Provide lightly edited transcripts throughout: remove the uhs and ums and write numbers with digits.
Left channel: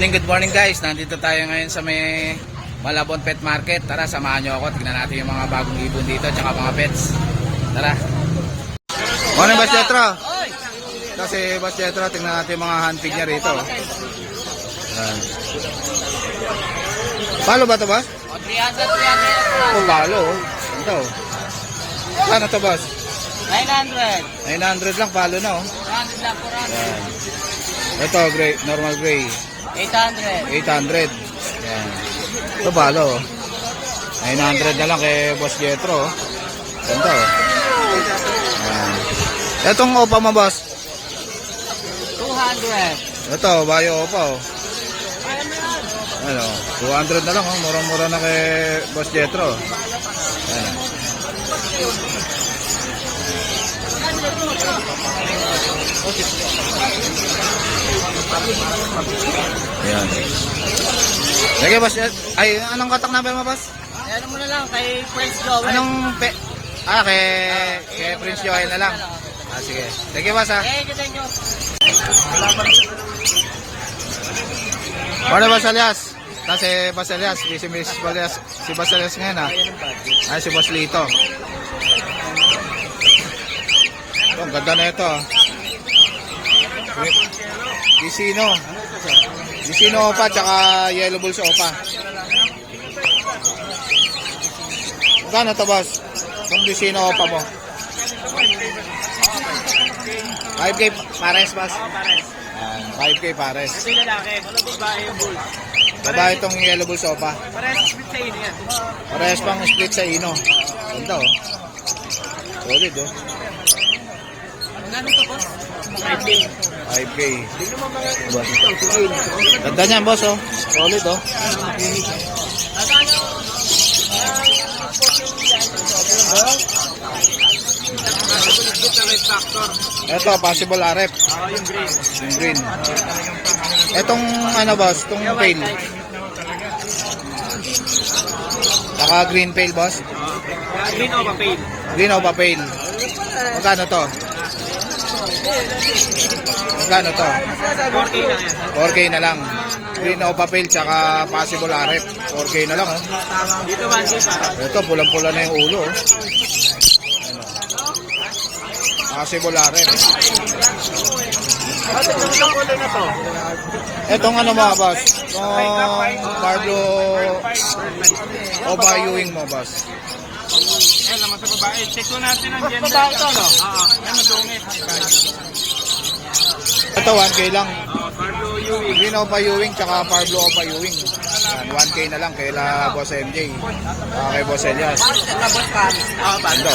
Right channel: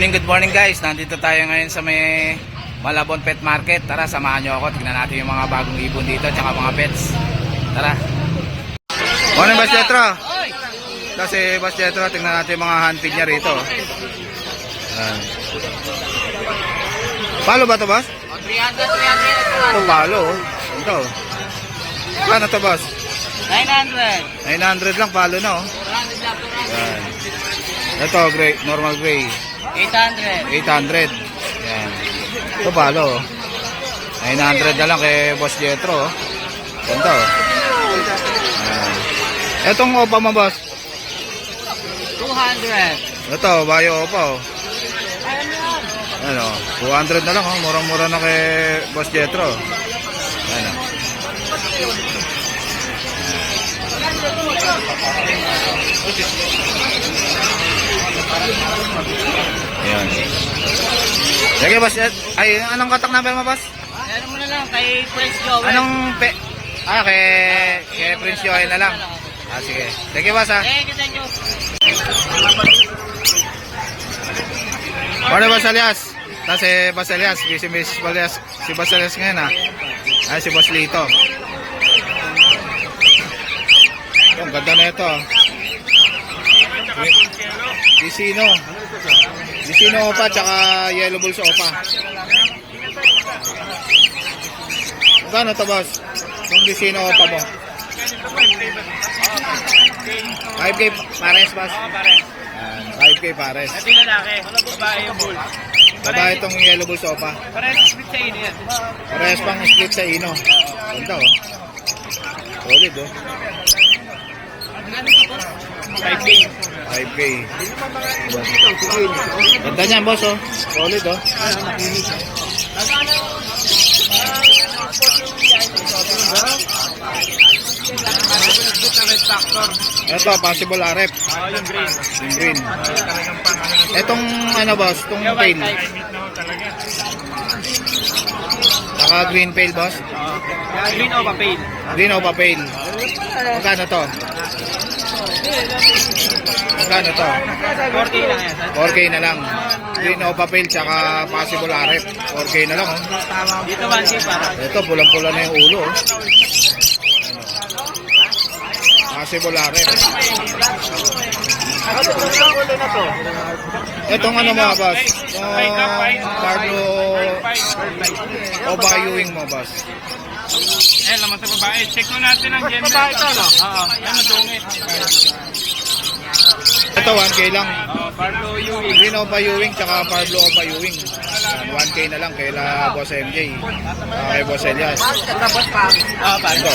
Good morning guys. Nandito tayo ngayon sa may Malabon Pet Market. Tara, samahan nyo ako. Tignan natin yung mga bagong ibon dito tsaka mga pets. Tara. Morning, Boss Jetro. Kasi Boss Jetro, tignan natin yung mga handfeed niya rito. Palo ba ito, Boss? 300. Ito, palo. Ito. Ano ito, Boss? 900. 900 lang, palo na, oh. 100 lang po. Yan. Ito, gray, normal gray. 800. 800. Yan. Ito palo, oh. 900 na lang kay Boss Jetro, oh. Ganda, oh. Yan. Itong opa mo, Boss? 200. Ito, bayo opa, oh. Ano, 200 na lang, oh. Murang-mura na kay Boss Jetro. Yan, oh. Ayan. Sige, Boss. Ay, anong contact number mo, Boss? Ano mo na lang kay Prince Joel. Anong kay Prince Joel na lang. Ah, sige. Sige, Boss, ha. Kita nyo. Ano, Boss Elias? Kasi Boss Elias, si Boss Elias ngayon, ha. Ay, si Boss Lito. Ito, ang ganda na ito, ha. Disino opa tsaka yellow bulls opa. Magkano to, Boss? Yung Disino opa mo? 5K pares, Boss. 5K pares. Ito yung lalaki. Babae yung bull. Babae itong yellow bulls opa. Parehas split sa ino. Parehas pang split sa ino. Ganda, oh. Solid, oh. 5K. 5K. Ganda niyan, Boss, oh. Solid, oh. Ito, possible RF. Yung green. Etong ano, Boss? Itong pale. Saka green pale, Boss. Green o pale? Green o pale. Magkano to? Magkano to? 4K na lang. Green o papel tsaka possible RF. 4K na lang, oh. Dito man pa. Ito, pulang-pula na yung ulo, oh. Possible RF. Etong ano mo, Boss? Itong Pablo Oba Ewing mo, Boss? Laman sa babae. Check ko natin ang gender. Oo. Yan madungit. Ito, 1K lang. Green Opa Ewing tsaka Pablo Opa Ewing. Yan, 1K na lang kaila Boss MJ. Kay Boss Elias. Ito.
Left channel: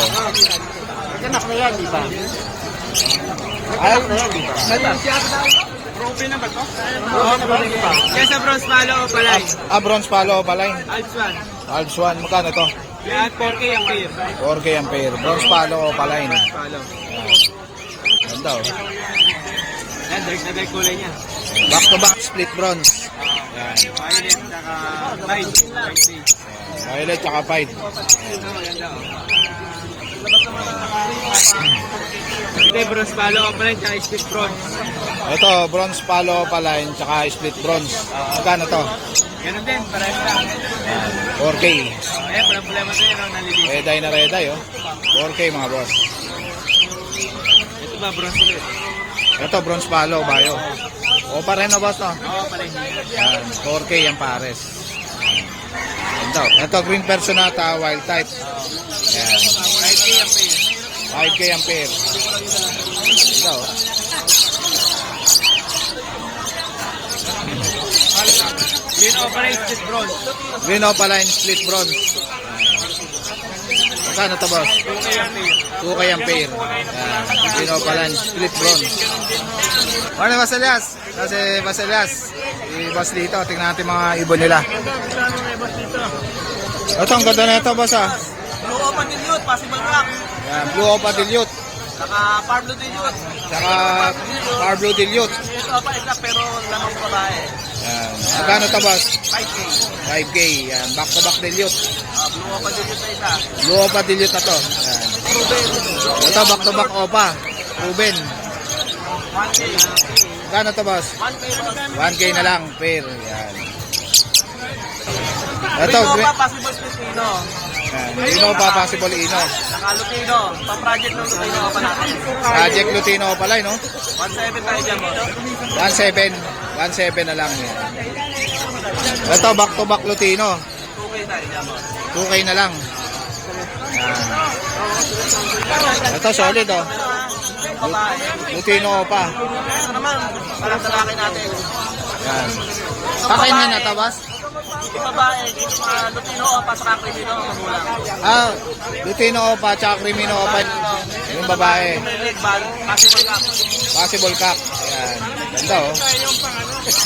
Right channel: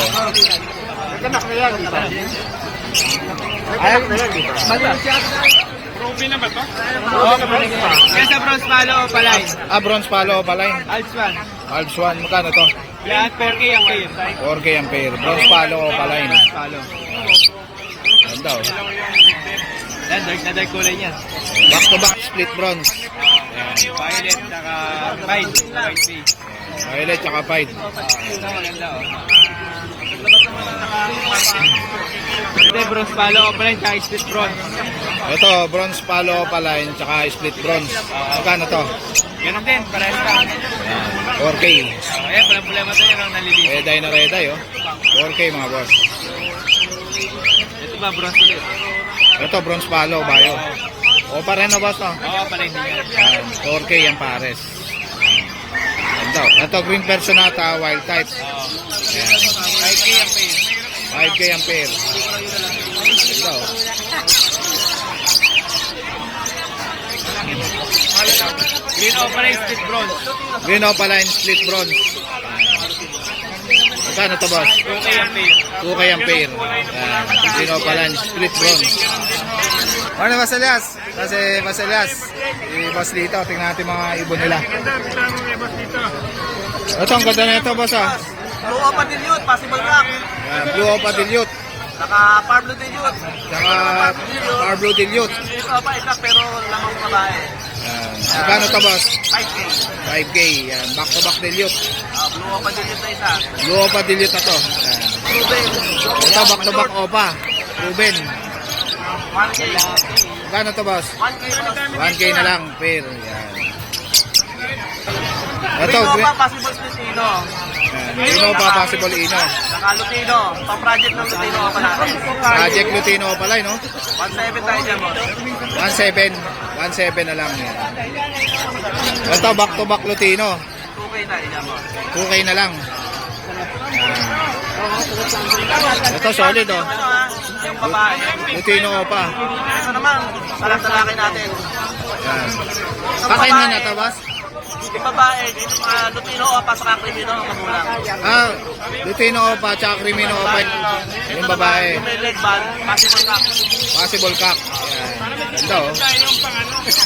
Ruby na ba ito? Kaya sa bronze palo o palay? Bronze palo Opa line. Alps 1. Magkano to? 4K ang pair. 4K ang pair. Bronze palo Opa line. Ganda, oh. Yan, dark na dark kulay niya. Back to back split bronze. Yan. Violet, saka white. Violet tsaka pied. Ito yung bronze palo o palay, tsaka split bronze. Ito, bronze palo Opa line tsaka split bronze. Magkano to? Ganun din, parehas lang. Yan. 4K. Ayan, pala na ito lang nalilinis. Reday na reday, oh. 4K mga boss. Ito ba, bronze ulit? Ito, bronze palo, bayo. Opa rin, no, boss, no? Oo, palay. Yan. 4K ang pares. Ito, green personata, wild type. Yan. 5K ang pair. 5K ang pair. Ito. Green operate split bronze. Green Opa line, split bronze. Magkano to, boss? 2K ang pair. 2K ang pair. Yan. Green Opa line, split bronze. Ano, Boss Elias? Kasi Boss Elias, si Boss Lito, tingnan natin mga ibon nila. Ganda mo may boss dito. Ito, ang ganda na ito, boss, ah. Blue Opa Dilute, possible rock. Yan, Blue Opa Dilute. Saka Pablo Dilute. Tsaka Pablo Dilute. Blue Opa isa pero lamang babae. Yan. Magkano to, boss? 5K. 5K. Yan, back to back Dilute. Blue Opa Dilute na isa. Blue Opa Dilute na to. Yan. Ito, back to back Opa. Ruben. 1K. Magkano to, boss? 1K boss. 1K na lang, pair. Yan. Ito, Ito pa, possible Lutino. yan. Ino pa, possible Ino. Saka Lutino. Pa-project ng Lutino pa natin. Project Lutino pala, no? 1.7 tayo dyan, boss. 1.7. 1.7 na lang yan. Ito, back-to-back Lutino. 2K tayo dyan, boss. 2K na lang. Yan. Ito, solid, oh. Yung ano ha, yung babae. Lutino pa. Ito naman, talak-talaki natin. Yan. Kakainin na to, boss? Yung babae, yung mga Lutino o pasakakli dito ang magulang. Ah, Lutino pa, tsaka Crimino pa. Yung babae. Yung may red band, possible cup. Possible cock. Yan. Ganda, oh.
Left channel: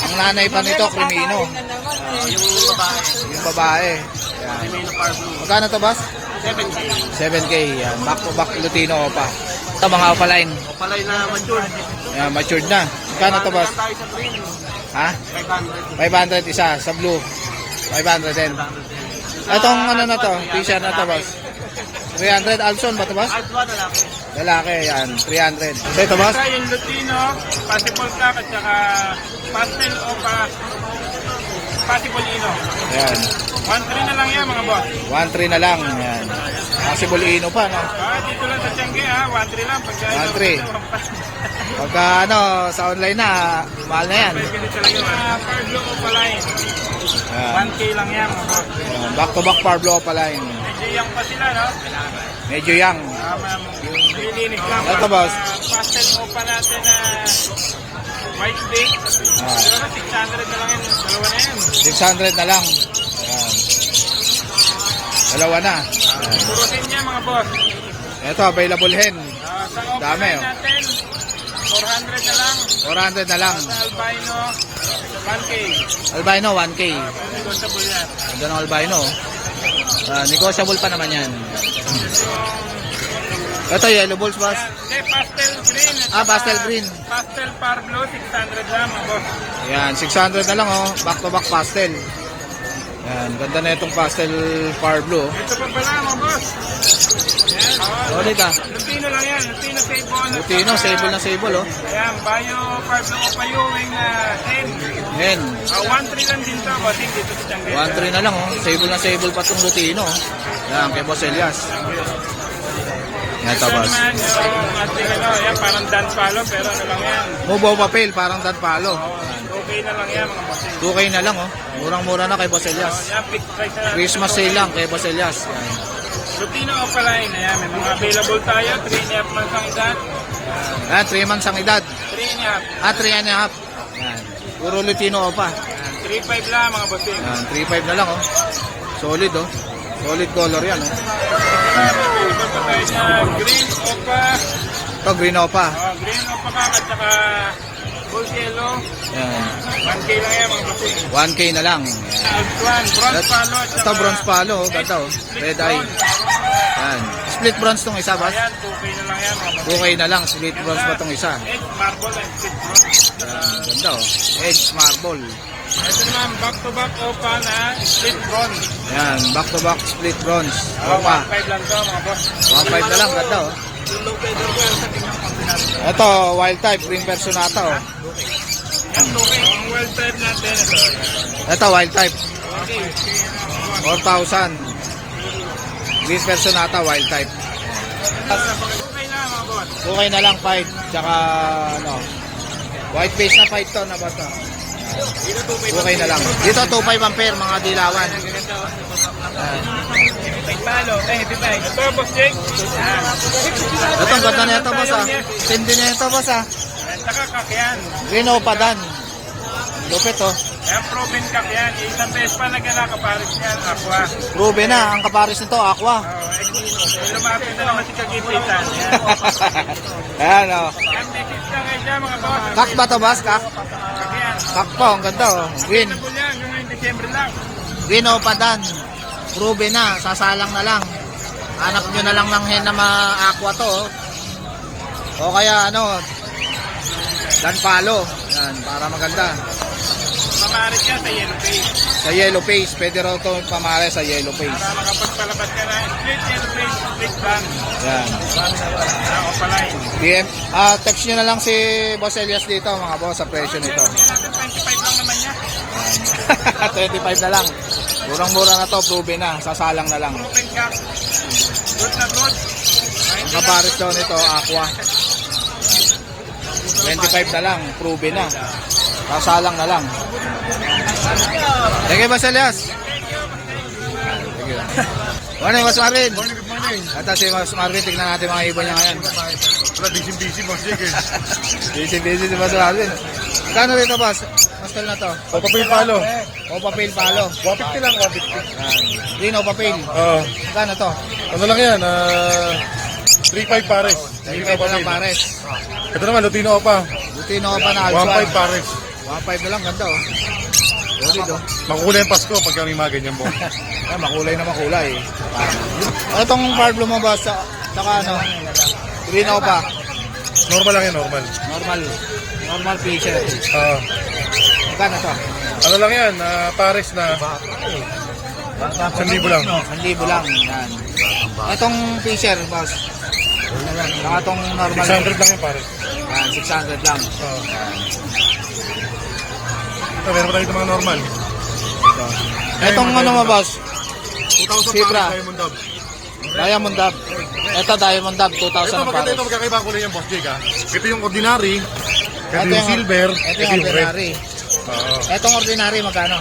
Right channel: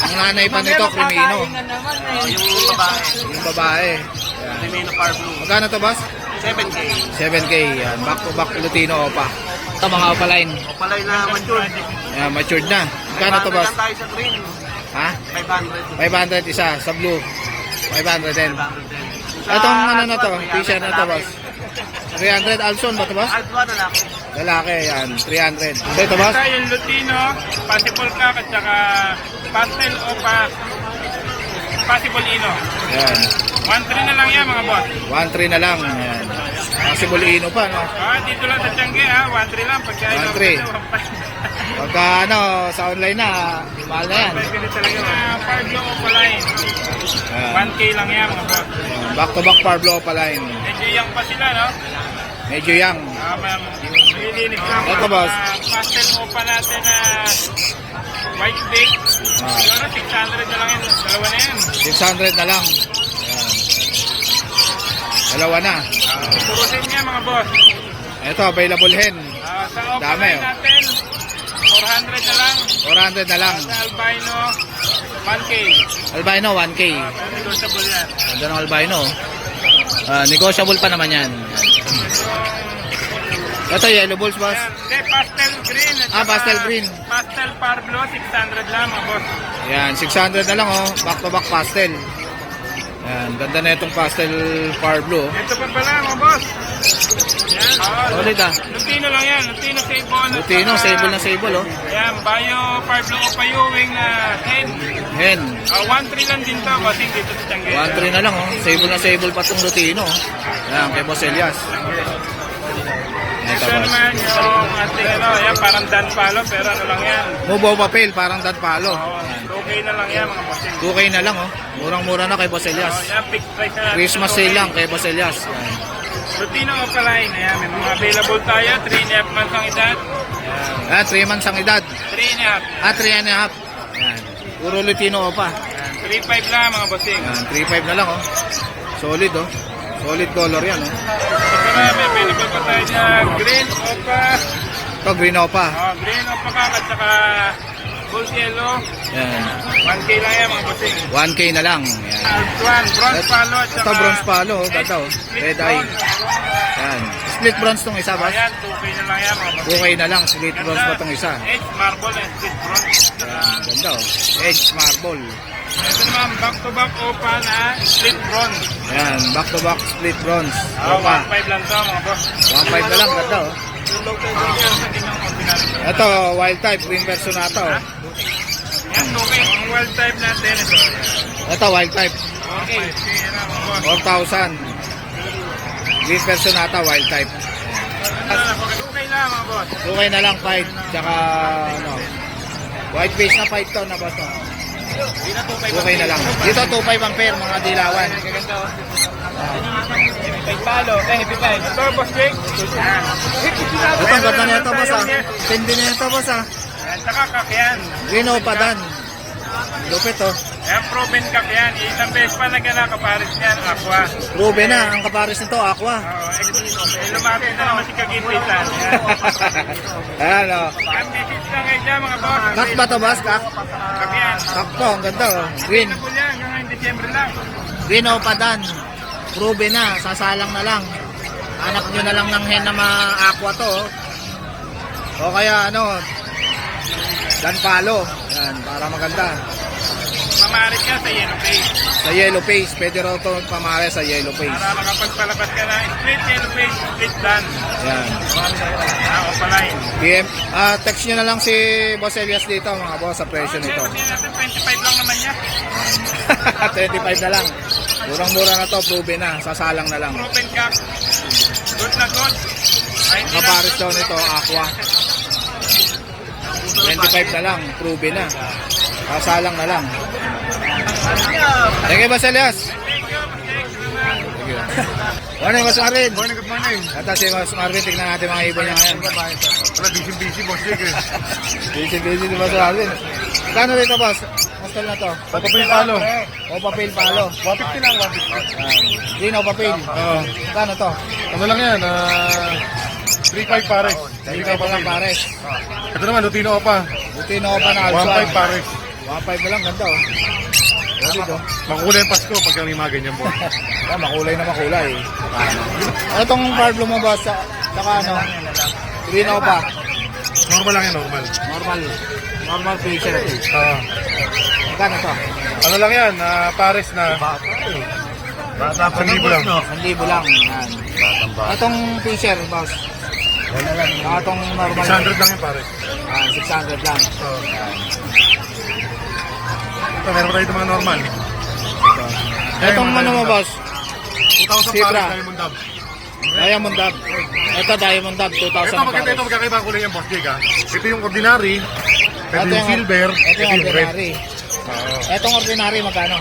Ang nanay pa nito, Crimino. Yung babae, Yung babae. Yan. Remino Far Blue. Magkano to, boss? 7K. 7K. Yan. Back to back Lutino pa. Ito, mga opaline. O pala yung matured. Yan, matured na. Magkano to, boss? Tayo sa green, Ha? 500. 500 isa. Sa blue, 500 din. 500. Itong ano na to, t-shirt na to, boss. 300 Alson ba to, boss? Alpha na lang. Lalaki, yan. 300. Isa ito, boss? Ito yung Lutino, possible cup at saka pastel o possible ino. Yan. 1.3 na lang yan mga boss. 1.3 na lang. Yan. Possible Ino pa, no? Dito lang sa Tiangge ha, 1.3 lang. Pagka 1.3. Pagka ano, sa online na, mahal na yan. Pwede talaga mga Parblo o Palay. Yan. 1K lang yan mga boss. Yan. Back to back Parblo Opaline. Medyo young pa sila no? Medyo young. Ma'am, nilinis lang. Ito, boss. Pastel o pa natin na white bake. Ah. Siguro 600 na lang yan. Dalawa na yan. 600 na lang. Yan. Dalawa na. Puro din yan mga boss. Ito, available hen. Sa offer Dami, oh. natin, 400 na lang. 400 na lang. Sa albino, 1K. Albino, 1K. Pero negotiable yan. Ganda ng albino. Negotiable pa naman yan. Ito, yellow balls, boss. Pastel green. Ah, pastel green. Pastel Parblo, 600 lang mga boss. Yan, 600 na lang, oh. Back to back pastel. Yan, ganda na itong pastel Parblo. Ito pa pala mga boss. Solid, ah. Lutino lang yan. Lutino sable. Lutino, sable na sable, oh. Ayan, Bayo Parblo o Payuwing na hen. Hen. 1.3 lang din to, bossing dito sa Tiangge. 1.3 na lang, oh. Sable na sable pa itong Lutino, oh. Yan, kay Boss Elias. Ito, Ito boss. naman yung ating ano, yan parang dan palo pero ano lang yan. Mubo papel, parang dat palo. Okay na lang yan mga bossing. 2K na lang, oh. Murang-mura na kay Boss Elias. Yan, fixed price na natin. Christmas sale lang kay Boss Elias. Yan. Lutino o Palain, ayan, may mga available tayo, 3.5 months ang edad. Ayan, Yan, 3 months ang edad. 3.5. Ah, 3 and a half. Yan. Puro Lutino pa. Ayan, 3.5 lang mga bossing. Yan, 3.5 na lang, oh. Solid, oh. Solid color yan, oh. Ito na, may available pa tayo na green opa. Ito, green opa. Green opa ka at saka gold yellow. Yan. 1K lang yan mga bossing. 1K na lang. Yan. Bronze palo at saka Ito, bronze palo, oh. Ganda, oh. Red eye. Yan. Split bronze tong isa, boss. Ayan, 2K na lang yan mga bossing. 2K na lang. Split bronze pa tong isa. Edge marble and split bronze. Yan. Ganda, oh. Edge marble. Ito naman, back-to-back opa na split bronze. Yan. Back to back split bronze. Ah, Opa. 1.5 lang to mga boss. 1.5 na lang. Ganda, oh. Yung low table yan sa ginang ordinary. Ito, wild type. Green personata, oh. Yan, okay. Ang well type natin ito. Ito, wild type. Okay. Sige na mga boss. 4,000. Green personata, wild type. Okay na mga boss. 2K na lang, 5. Tsaka, ano, white face na 5 to na ba to? 2K na lang. Dito, 2.5 ampere, mga dilawan. Yan. Talo, heavy bike. Ito, boss Jake. Ito, ang ganda na ito, boss, ah. Tindi na ito, boss, ah. Ayan, saka kakyan. Green opadan. Lupit, oh. Ayan, proven kakyan. Isang beses pa nagkanakaparis niyan, aqua. Proven na, ang kapares nito, aqua. Lumapit na naman si Kagipitan. Ayan. Ayan, oh. Ang message lang kayo dyan mga boss. Kak ba to, boss? Kak? Kakyan. Kak po, ang ganda, oh. Green. Available yan, hanggang December lang. Green opadan. Proven na, sasalang na lang. Hanap nyo na lang ng hen na ma-aqua to, oh. O kaya, ano, dan palo. Yan, para maganda. mamarit ka sa yellow face. Sa yellow face, pwede raw ito pamare sa yellow face. Para makapagpalabas ka na split yellow face, split dan. Yan. Opaline. DM, text nyo na lang si Boss Elias dito mga boss sa presyo nito. Sabihin natin, 25 lang naman niya. Yan. 25 na lang. Murang-mura na to, proven na. Sasalang na lang. Proven cock. Good na good. Ang kapares daw nito, aqua. 25 na lang, proven na. Sasalang na lang. Thank you, Boss Elias. Thank you. Morning, Boss Marvin. Morning, good morning. Ito si Boss Marvin, tignan natin mga ibon niya ngayon. Wala, busy, boss Jake eh. Busy si Boss Marvin. Kano dito, Boss? Hostel na to. Papapil palo. O papel palo. Wapit ko lang, wapit ko. Yan. Green o papel. Oo. Kano to? Ano lang yan? 3.5 pares. 35 na lang pares. Ito naman, Lupino pa. Buti na pa na alpha. 1.5 pares. 1.5 na lang, ganda oh. Solid oh. Makukulay ang Pasko pag kami mga ganyan po. Yan, makulay na makulay. Ano tong Pablo mo, Boss? Saka ano? Green o pa? Normal lang yan, normal. Normal picture ito. Magkano to? Ano lang yan, pares na 1,000 lang. 1,000 lang. Yan. Itong fisher, Boss. Saka itong normal. 600 lang yung pares. Yan, 600 lang. Ito, meron tayo mga normal. Itong ano mo, Boss? 2,000 Zebra. pares, Diamond Dove. Diamond Dub. Ito Diamond Dub, 2,000 Ito, ang maganda pares. ito, magkakaiba ang kulay yung boss Jake ha. Ito yung ordinary, ito Ito yung silver, Ito yung ordinary. Oo. Itong ordinary, magkano?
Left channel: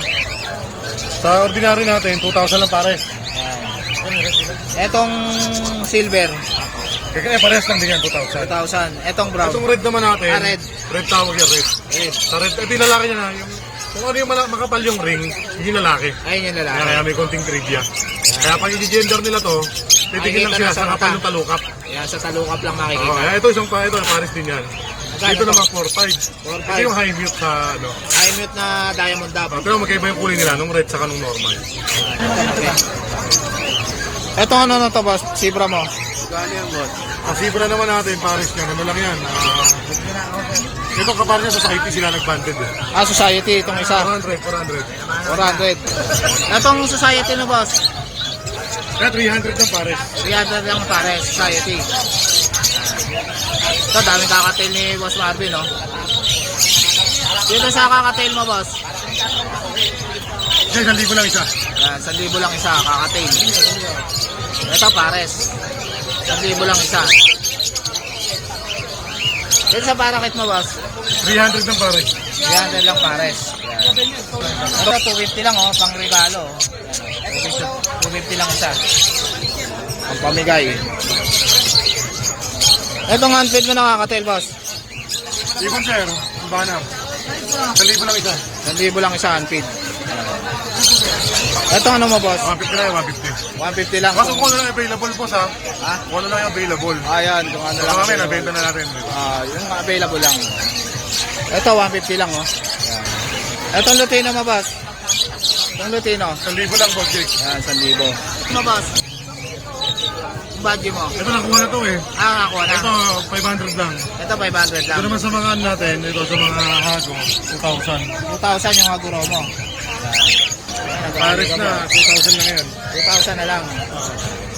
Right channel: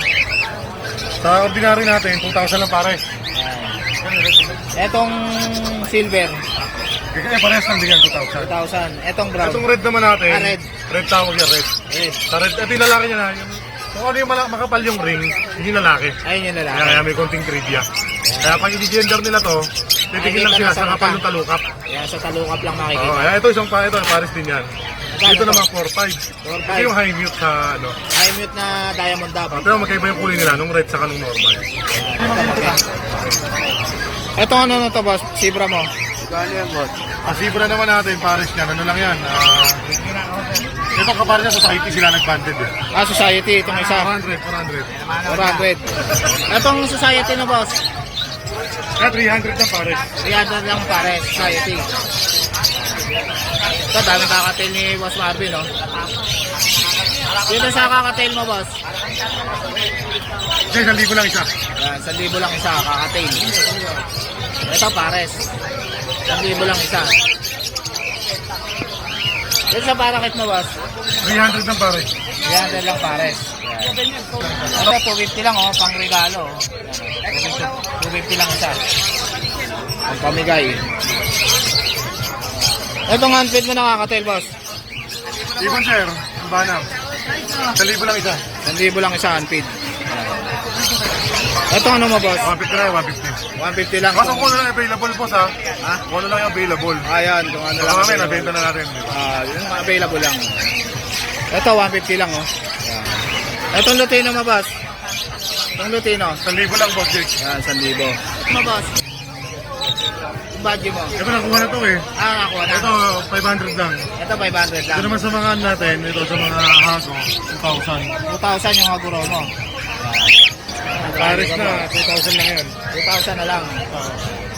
Sa ordinary natin, 2,000 lang pares. Itong silver, Ito eh, pares lang din yan, 2,000. 2,000. Itong brown, Itong red naman natin, red. red tawag yan, red. red. Sa red, ito yung lalaki niya na, yung, kung ano yung makapal yung ring, yung lalaki. Ayun yung lalaki. Kaya may konting trivia. Kaya pag i-gender nila to, titigil lang Makikita sila na sa sa kapal mata. ng talukap. Yan, sa talukap lang Oo, makikita. ito isang ito, pares din yan. Magkano Ito to? naman 4,500. 4,500. Ito yung high mute sa ano. I mute na Diamond Dub. Pero magkaiba yung kulay nila, nung red saka nung normal. Ito ano na to, Boss? Zebra mo? Gani yan, boss. Ang Zebra naman natin, pares yan. Ano lang yan? Ito kapares yan, society sila nag-banded eh. Society, itong isa. 400. 400. Itong society na, Boss? Kaya 300 na pares. 300 lang pare, society. Ito, daming kakatail ni Boss Marvin, no? Dito sa kakatail mo, Boss? Kasi 1,000 lang isa. Yan, 1,000 lang isa, kakatail. Ito, pares. 1,000 lang isa. Dito sa parakit mo, Boss? 300 ng pares. 300 lang pares. Yan. Ito, 250 lang, oh, pang regalo. Oh. Yan, oh. 250 lang isa. Ang pamigay. Itong handfeed mo nakakatail, Boss? Ibon sir, ang banam. 1,000 lang isa. 1,000 lang isa handfeed. Ito ano mo, Boss? 150 na yung 150. 150 lang. Kaso kung ano lang available po sa, Ha? kung ano lang yung available. Ayan, kung ano Baka lang. kami, available. nabenta na natin. Diba? Yung available lang. Ito, 150 lang, oh. Ayan. Itong Lutino mo, Boss? Itong Lutino. 1,000 lang, boss Jake. Yan, 1,000. Ito mo, Boss? Yung badge mo? Ito nakuha na to eh. Nakakuha na. Ito, 500 lang. Ito, 500 lang. Ito naman sa mga ano natin, ito sa mga hago, 2,000. 2,000 yung aguro mo. Ayan, Pares ka na, ba? 2,000 lang yan. 2,000 na lang.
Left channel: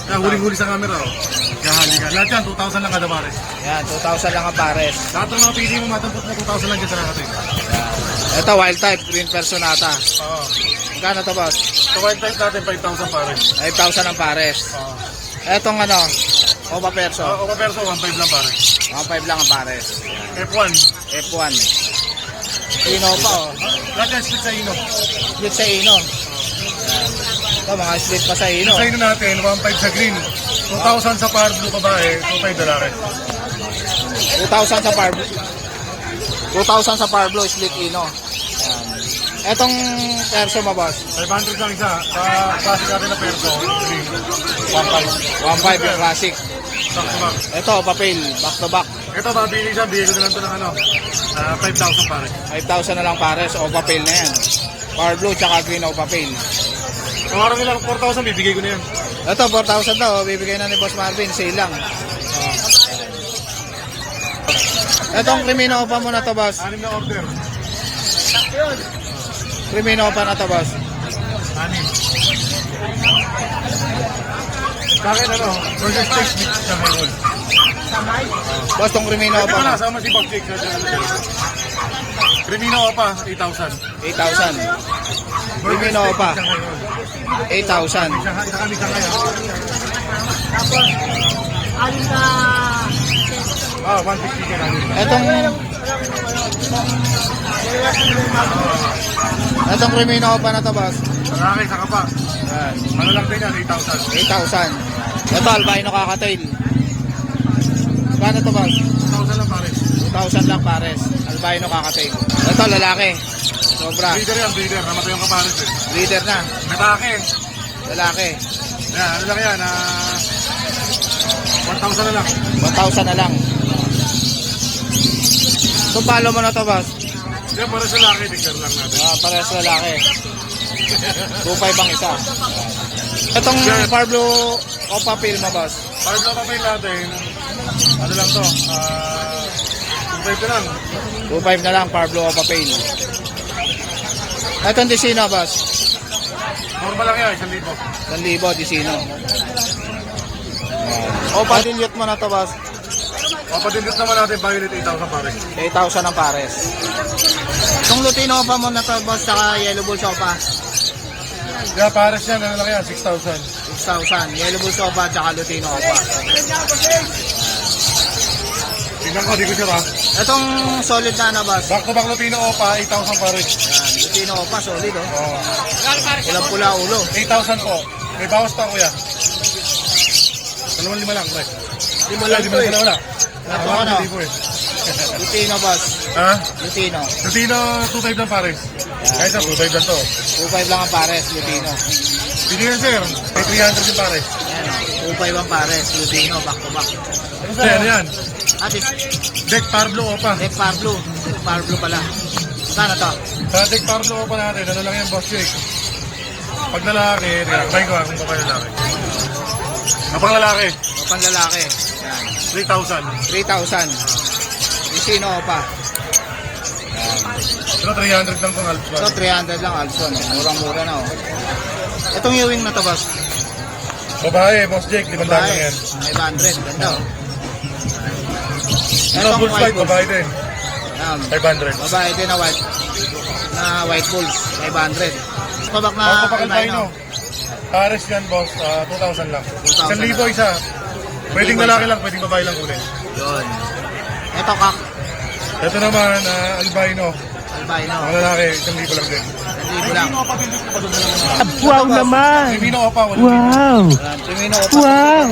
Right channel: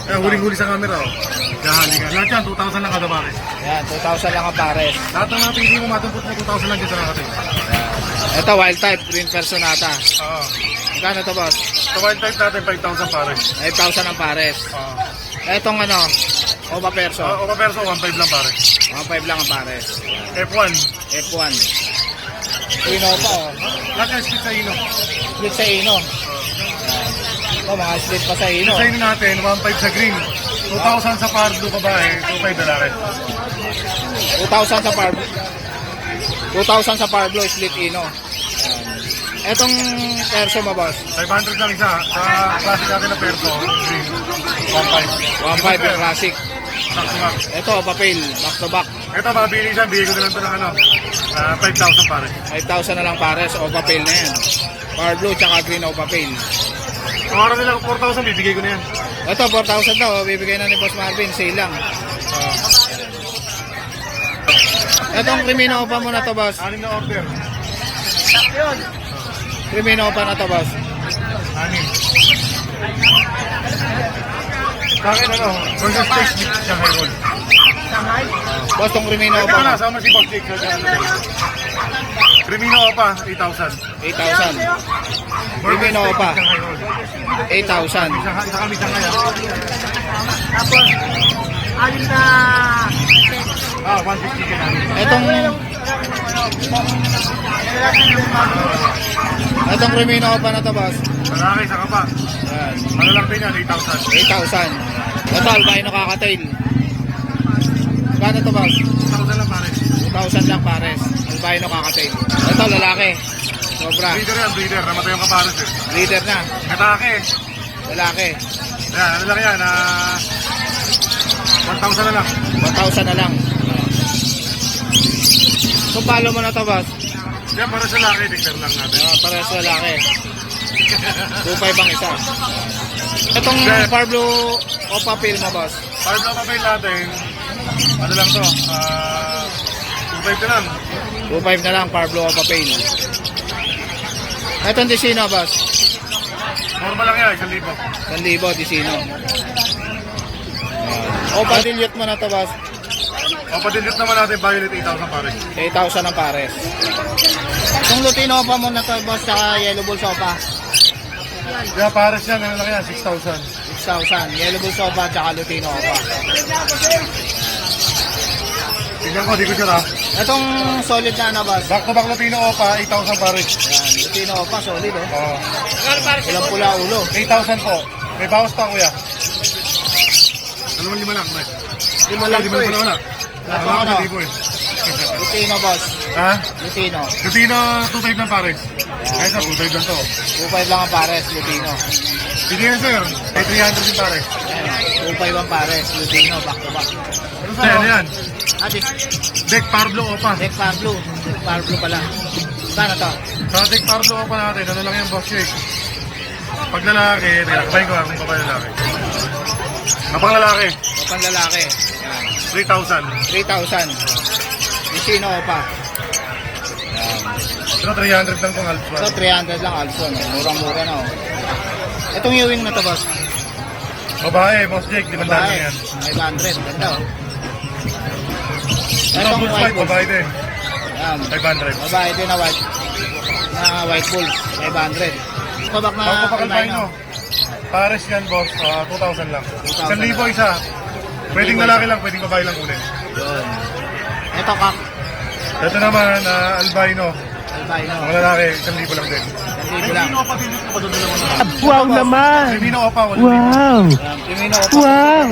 Kaya huling-huli sa camera, oh. Kahali ka. Lahat yan, 2,000 lang kada pares. Yan, 2,000 lang ang pares. Lahat ng mga PC mo, matampot mo, 2,000 lang dyan sa nakating. Yan. Ito, wild type, green personata. Oo. Magkano to, Boss? Sa wild type natin, 5,000 pares. 5,000 ang pares. Oo. Etong ano, Opa Perso. O perso, 1,500 lang pares. 1,500 lang ang pares. F1. F1. Ino pa, oh. Lahat yan, split sa ino. Split sa Ino. Yan. Ito, mga split pa sa Ino. Sa ino natin, 1,500 sa green. 2,000 sa pardo babae, 2,500 lalaki. 2,000 sa Parblo. 2,000 sa Parblo, split Ino. Yan. Etong Perso mo, Boss. 500 lang isa. Sa classic natin na perso, green. 1,500. 1,500 yung classic. Sakto lang. Ito, papel, back to back. Ito, mabili siya, bigay ko na lang ito ng ano, 5,000 pare. 5,000 na lang pares, o papel na yan. Parblo, tsaka green o papel. Kung araw nila 4,000, bibigay ko na yan. Ito, 4,000 daw, bibigay na ni Boss Marvin, sale lang. Etong Crimino pa mo na to, Boss. 6 na order. Crimino pa na to, boss. Anim. Sa akin, ano, burger steak mix Shanghai roll. Boss, tong Crimino Pwede ko na, pa. sama si Boss Jake. Crimino pa, 8,000. 8,000. Crimino pa. 8,000. Isa kami Shanghai, ha? 150 ka namin. Etong Crimino pa na to, boss. Lalaki, saka pa. Yan. Ano lang din yan, 8,000. 8,000. Ito, albino kakatail. Gano to, boss? 1,000 lang pare. 2,000 lang pares. Albino kakatail. Ito, lalaki. Sobra. Breeder yan, breeder. Namatay yung kapares eh. Leader na. Katake. Lalaki. Yan, ano lang yan, 1,000 na lang. 1,000 na lang. Kung paano mo na to, boss? Yan, para sa laki, declare lang natin. Pares lalaki. 2,500 ang isa. Itong Parblo Opa Pil mo, boss. Para lang papel natin, ano lang to, 2,500 na lang. 2,500 na lang, Parblo Opa Pil. Itong Disino, boss. Normal lang yan, 1,000. 1,000, Disino. Opa Dilute mo na to, boss. Papadilute naman natin, violet 8,000 pare. 8,000 ang pares. Itong Lutino Opa mo na to, boss, saka Yellow Bull Sopa. Kaya pares yan, ano lang yan, 6,000. 6,000. Yellow Bull Sopa, saka Lutino Opa. Tingnan ko, di ko sure ha. Itong solid na na, boss. Back to back Lutino Opa, 8,000 pares. Yan, Lutino Opa, solid, oh. Oh. Pulang-pula ulo. 8,000 po. May bawas pa kuya. 2,500 lang, pre. Lima lang to, eh. Wala. Ito ano? Hindi po eh. Lutino, boss. Ha? Lutino. Lutino, 2,500 lang pares. Kaya sa 2,500 lang to. 2,500 lang ang pares, Lutino. Sige yan sir. May 300 din pares. Ayan, 2,500 ang pares, Lutino, back to back. Ano sir? Ano yan? Atis, Deck Parblo Opa. Deck Parblo. Deck Parblo pala. Saan to? Sa Deck Parblo Opa natin, ano lang yan boss Jake? Pag lalaki, tinakabayin ko kung babae lalaki. Kapag lalaki, Opang lalaki. Yan. 3,000. 3,000. Disino pa. Yan. Pero 300 lang pang alpha. So, 300 lang also, no? Murang-mura na, oh. Itong Ewing na to, boss. Babae, boss Jake, 500 lang Babae. yan. 500. Ganda, oh. Ano, Itong Bulls white Bulls, bulls. babae din. Yan. 500. Babae din na white bulls. 500. Pabak na albino. Pares yan, boss. 2,000 lang. 2,000 1,000 isa. Pwedeng lalaki lang, pwedeng babae lang ulit. Yun. Ito, kak. Ito naman, albino. Albino. Mga lalaki, 1,000 lang din. 1,000 lang. Wow naman! Crimino Opa, 1,000. Wow! Yan. Timino Opa. Wow!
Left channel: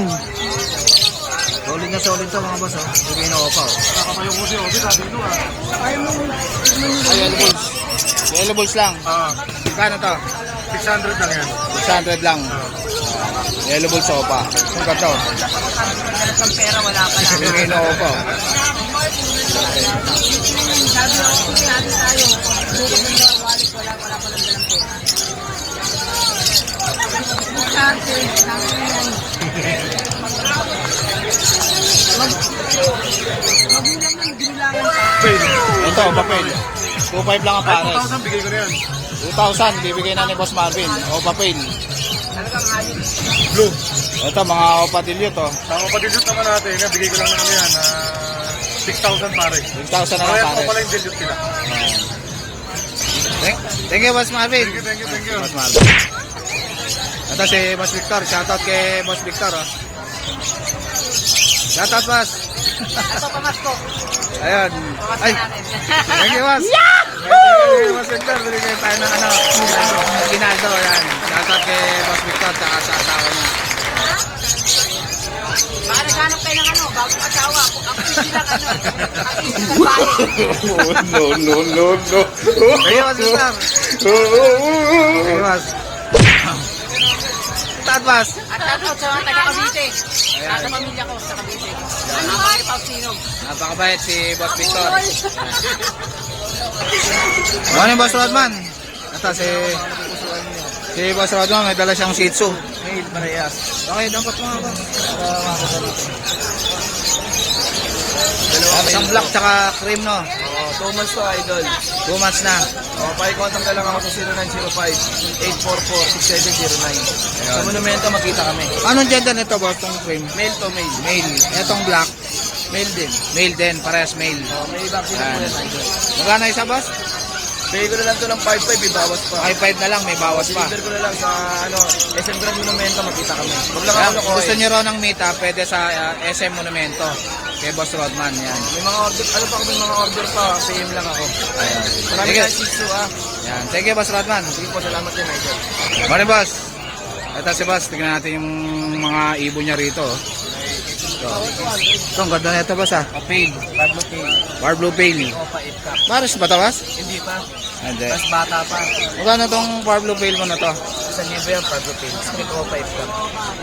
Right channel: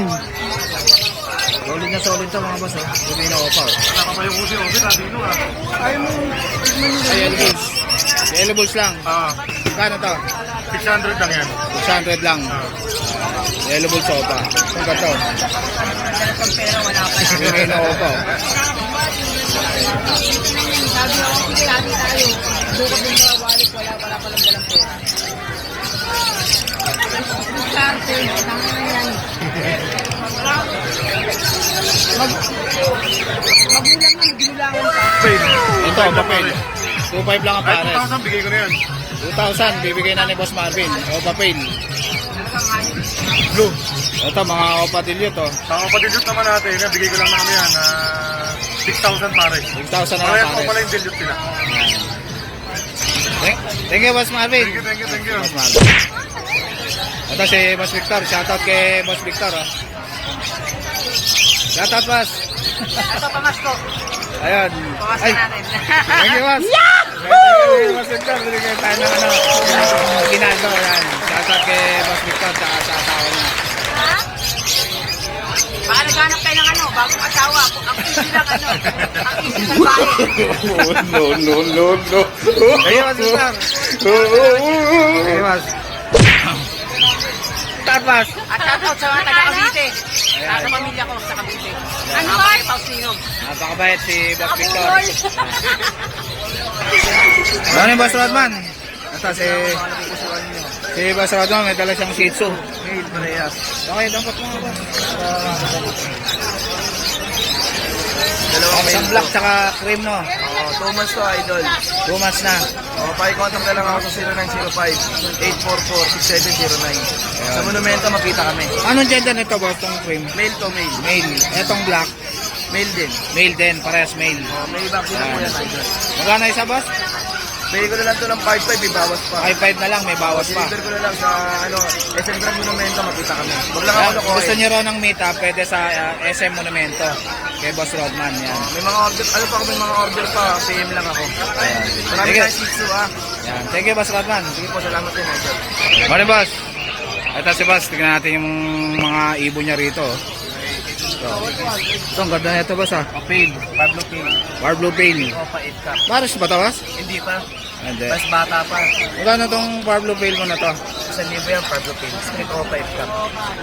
Solid na solid to, mga boss, oh. Timino Opa, oh. Nakakapayo ko si Obi, Latino ah. Ay, Yellow Bulls. Yellow Bulls lang. Kano to? 600 lang yan. 600 lang. Yellow Bulls Opa. Itong gato. Timino Opa, oh. Ito, papel. 2,500 lang ang pares. 2,000, bigay ko na yan. 2,000, bibigay na ni Boss Marvin. O, papel. Blue. Ito, mga opadilyo to. Sa kapatidot naman natin, bigay ko lang namin yan. 6,000 pare. 6,000 na lang Parehas pa pares. pala yung dilute sila. Thank you, Boss Marvin. Thank you. Boss Marvin. Ito si Boss Victor. Shoutout kay Boss Victor. Oh. Shoutout, Boss. Ito, pamasko. Ayun. Ay, thank you, Boss. Thank you, Boss Victor. Binigay tayo ng ano. Ginaldo, yan. Shoutout kay Boss Victor sa asawa niya. Baka naghanap kayo ng ano, bagong asawa. Ang easy lang ano. Ang easy lang tayo. No. Thank you, Boss Victor. Thank you, Boss. Shoutout, Boss. At shoutout sa mga taga Cavite. Ayan. Sa pamilya ko sa Cavite. Ano ba? Pausino. Napakabait si Boss Victor. Morning, Boss Rodman. Ito si Boss Rodman, may dala siyang Shih Tzu. Mail Marias. Okay, dapat mga ba? Para makita natin. Dalawang Isang black tsaka cream, no? Oo, 2 months to idol. 2 months na. O, pakicontact na lang ako sa 0905-844-6709. Sa Monumento, makita kami. Anong gender nito, boss, tong frame? Male to male. Male. Etong black, Male din. male din, parehas male. O, may vaccine na po Yan. yan, idol. Magkano isa, boss? Bigay ko na lang ito ng 5-5, ibawas pa. 5-5 na lang, may bawas pa. Deliver ko na lang sa, SM Drug Monumento, makita kami. Huwag lang Kaya, ako nakuha. gusto nyo raw ng meet up, pwede sa SM Monumento. Kay Boss Rodman, yan. May mga order, may mga order pa, PM lang ako. Ayan. Maraming Sige. tayong issue, Yan. Thank you, Boss Rodman. Sige po, salamat din, idol. Morning, boss. Ito si boss. Tignan natin yung mga ibon niya rito. Ito, ang ganda na ito, boss, ha? Pale, Pablo Pale. War Blue Pale. Opa, 8 cup. Pares ba ito, boss? Hindi pa. Hindi. Mas bata pa. Magkano itong War Blue Pale mo na to? 1,000 yan, Pablo Pale. Split Opa, 8 cup.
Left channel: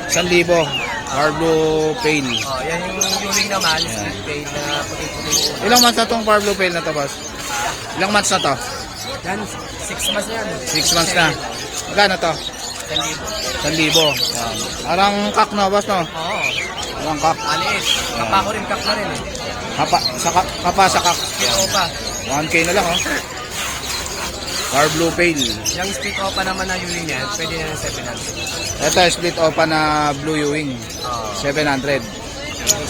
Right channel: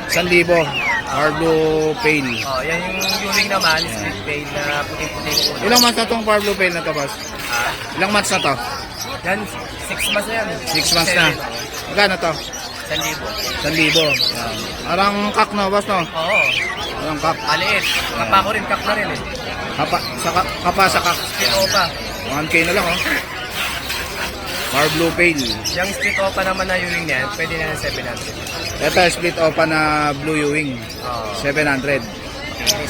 1,000. War Blue Pale. Oh, yan yung Ewing naman, split Pale na puting-puting ulo. Ilang months na itong War Blue Pale na to, boss? Ilang months na to? Yan, 6 months na yan. 6 months na. Magkano to? 1,000. 1,000. Yan. Arang kak na, boss, no? Oo. Arang kak. Maliit. Papa ko rin, kak na rin eh. Kapa sa kak. Split Opa. 1K na lang, oh. War Blue Pale. Yung split Opa naman na Ewing yan, pwede na ng 700. Ito, split opa na Blue Ewing. Oo. 700.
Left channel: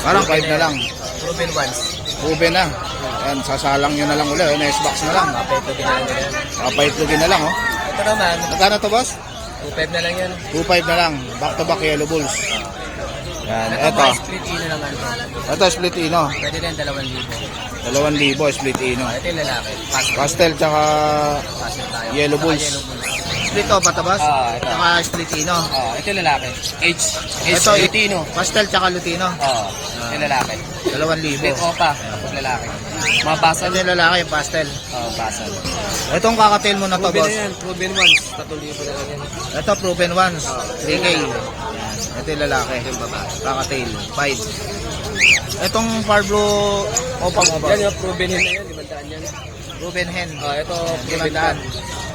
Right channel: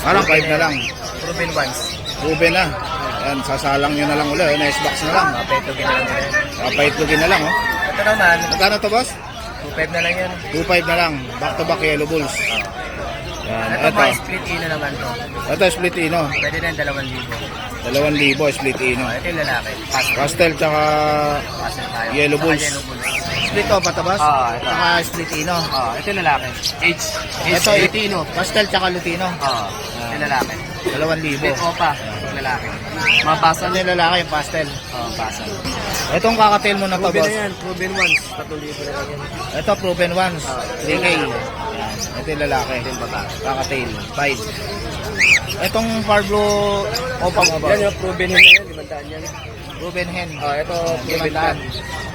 Parang 5 na lang. Proven once. Ruben na. Ayan, sasalang nyo na lang ulit. Oh. Nice box na lang. Kapeto ginala nila yan. Papaitlogin na lang, oh. Ito naman, Magkano to, boss? 2.5 na lang yan. 2.5 na lang. Back to back yellow bulls. Yan, Ito ito. mga split ino naman to. Ito, split ino. Pwede na 2,000. 2,000 split ino. Ito yung lalaki. Pastel tsaka Pastel tayo. Yellow Saka bulls. Yellow bulls. split opa to, boss? Ito. Tsaka split ino. Ito yung lalaki. H. Ito, Lutino. pastel tsaka lutino. Ito yung lalaki. 2,000. Split opa. Ito lalaki. Mga basal. Ito yung lalaki, yung pastel. Basal. Itong kakatail mo na to, Proven boss. na yan. Proven once. 3,000 na lang yan. Ito, proven ones. 3K. Yan. Ito yung lalaki. Ito yung babae. Kakatail. 5. Itong Pablo opa mo ba? Yan yung proven hen na yan. 500 yan. Proven hen. Ito proven pan.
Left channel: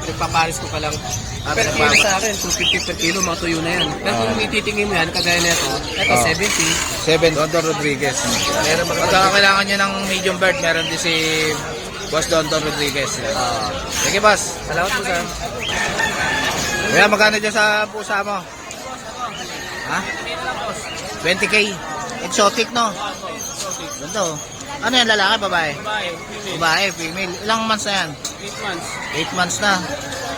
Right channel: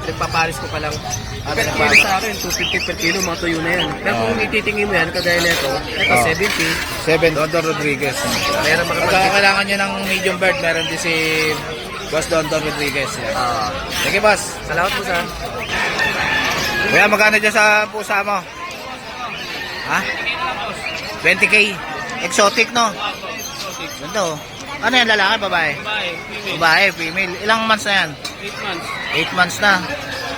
Pinagpaparis ko pa lang. Per kilo Nagbago. sa akin, 250 per kilo, mga tuyo na yun. Pero kung ititingin mo yan, kagaya nito, ito Oh. 70. 7. Dondon Rodriguez. Meron Pagka kailangan nyo ng medium bird, meron din si Boss Dondon Rodriguez. Yan. Sige, boss. Salamat po sa. Kuya, magkano dyan sa pusa mo? Ha? 20K. Exotic, no? Ganda, oh. Ano yan, lalaki, babae? Babae, female. Ilang months na yan? 8 months. 8 months na.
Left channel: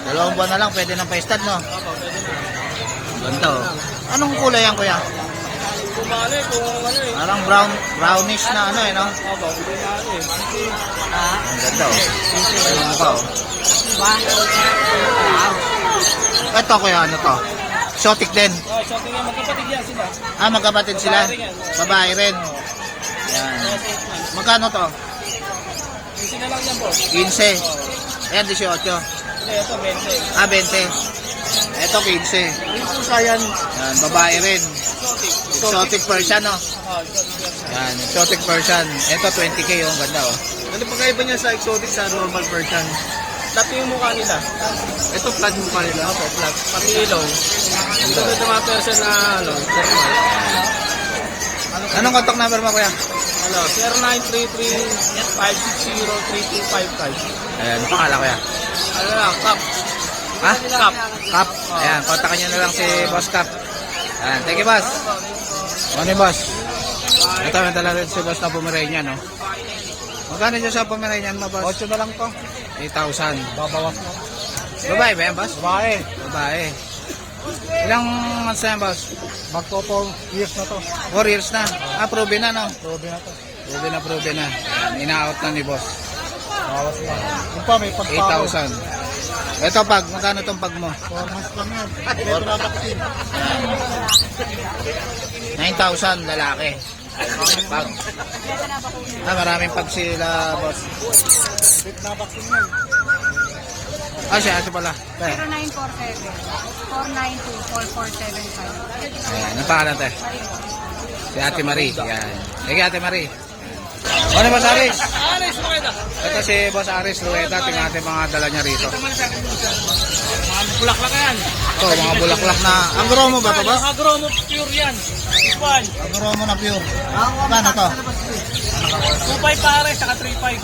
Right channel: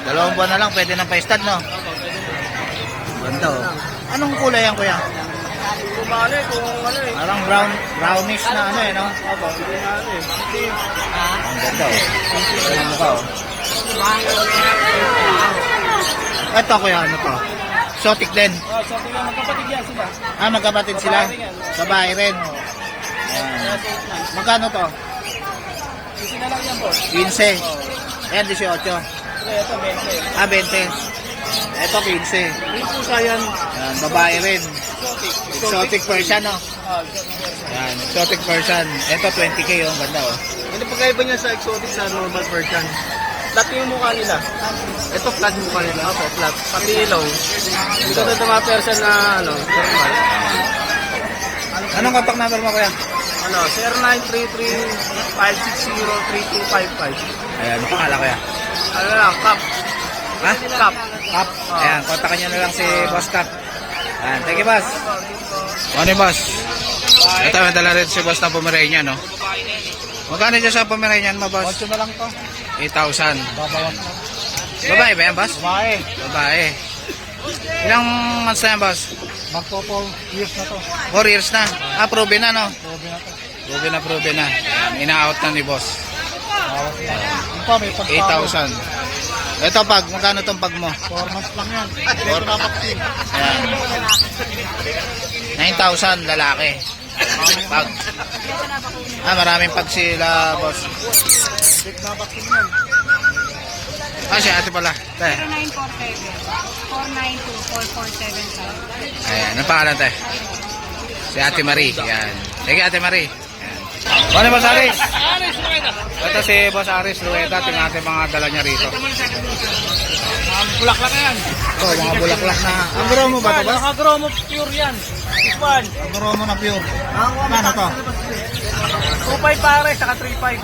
2 buwan na lang, pwede nang pa-stud, no? Pwede na. Ganda, oh. Anong kulay yan, kuya? Kung bali, kung ano eh. Parang brownish na ano, eh, no? Opo, hindi na ano eh. Ang ganda, oh. Ang mukha, oh. Ito, kuya, ano to? Exotic din. So tingnan, magkapatid yan sila. Ah, magkapatid sila? Babae rin. Yan. Magkano to? Kasi na lang yan, boss. 15. Ayan, 18. Ito, 20. Ah, 20. Ito, 15. Yung pusa yan, Yan, babae rin. exotic. Exotic Persian, no? Exotic yan. Yan, exotic Persian. Ito, 20K, oh. Ang ganda, oh. Ano pagkaiba niya sa exotic sa normal version? Flat yung mukha nila. Ito flat yung mukha nila. Opo, flat. Pati ilaw. Ito na tumater siya na ano, normal. Anong contact number mo, kuya? Ano, 0933-560-3255. Ayan, pakala, kuya. Ano lang, cup. Ha? Cup. Cap. Ayan, kontakin nyo na lang si Boss Cap. Ayan, thank you, boss. Morning, boss. Ito, may dala rin si boss na Pomeranian, no? Magkano dyan sa Pomeranian mo, boss? 8 na lang to. 8,000. Babawas mo. Babae ba yan, boss? Babae. Babae. Ilang months na yan, boss? Magto 4 years na to. 4 years na. Ah, proven na, no? Probe na to. Proven na. Ayan, ina-out na ni boss. Bawas na. Ito, may pagparo. 8,000. Ito, pag. Magkano tong pag mo? 4 months lang yan. Or- Ito na vaccine. Ayan. 9,000 lalaki. Pag. Ah, maraming pag sila, boss. Ito na vaccine yan. Ah, si ate pala. Te. 0947-492-4475. Ayan, ang pangalan, te? Si Ate Marie. Ayan. Sige, Ate Marie. Ayan. Ano, Boss Aris? Ito si Boss Aris Rueda. Tingnan natin mga dala niya rito. bulaklak yan. Ito, mga bulaklak na. Ang guro mo ba ito, boss? Mga gromo pure yan. This one. Ang guro mo na pure. Paano to? 2.5 pare, saka 3.5.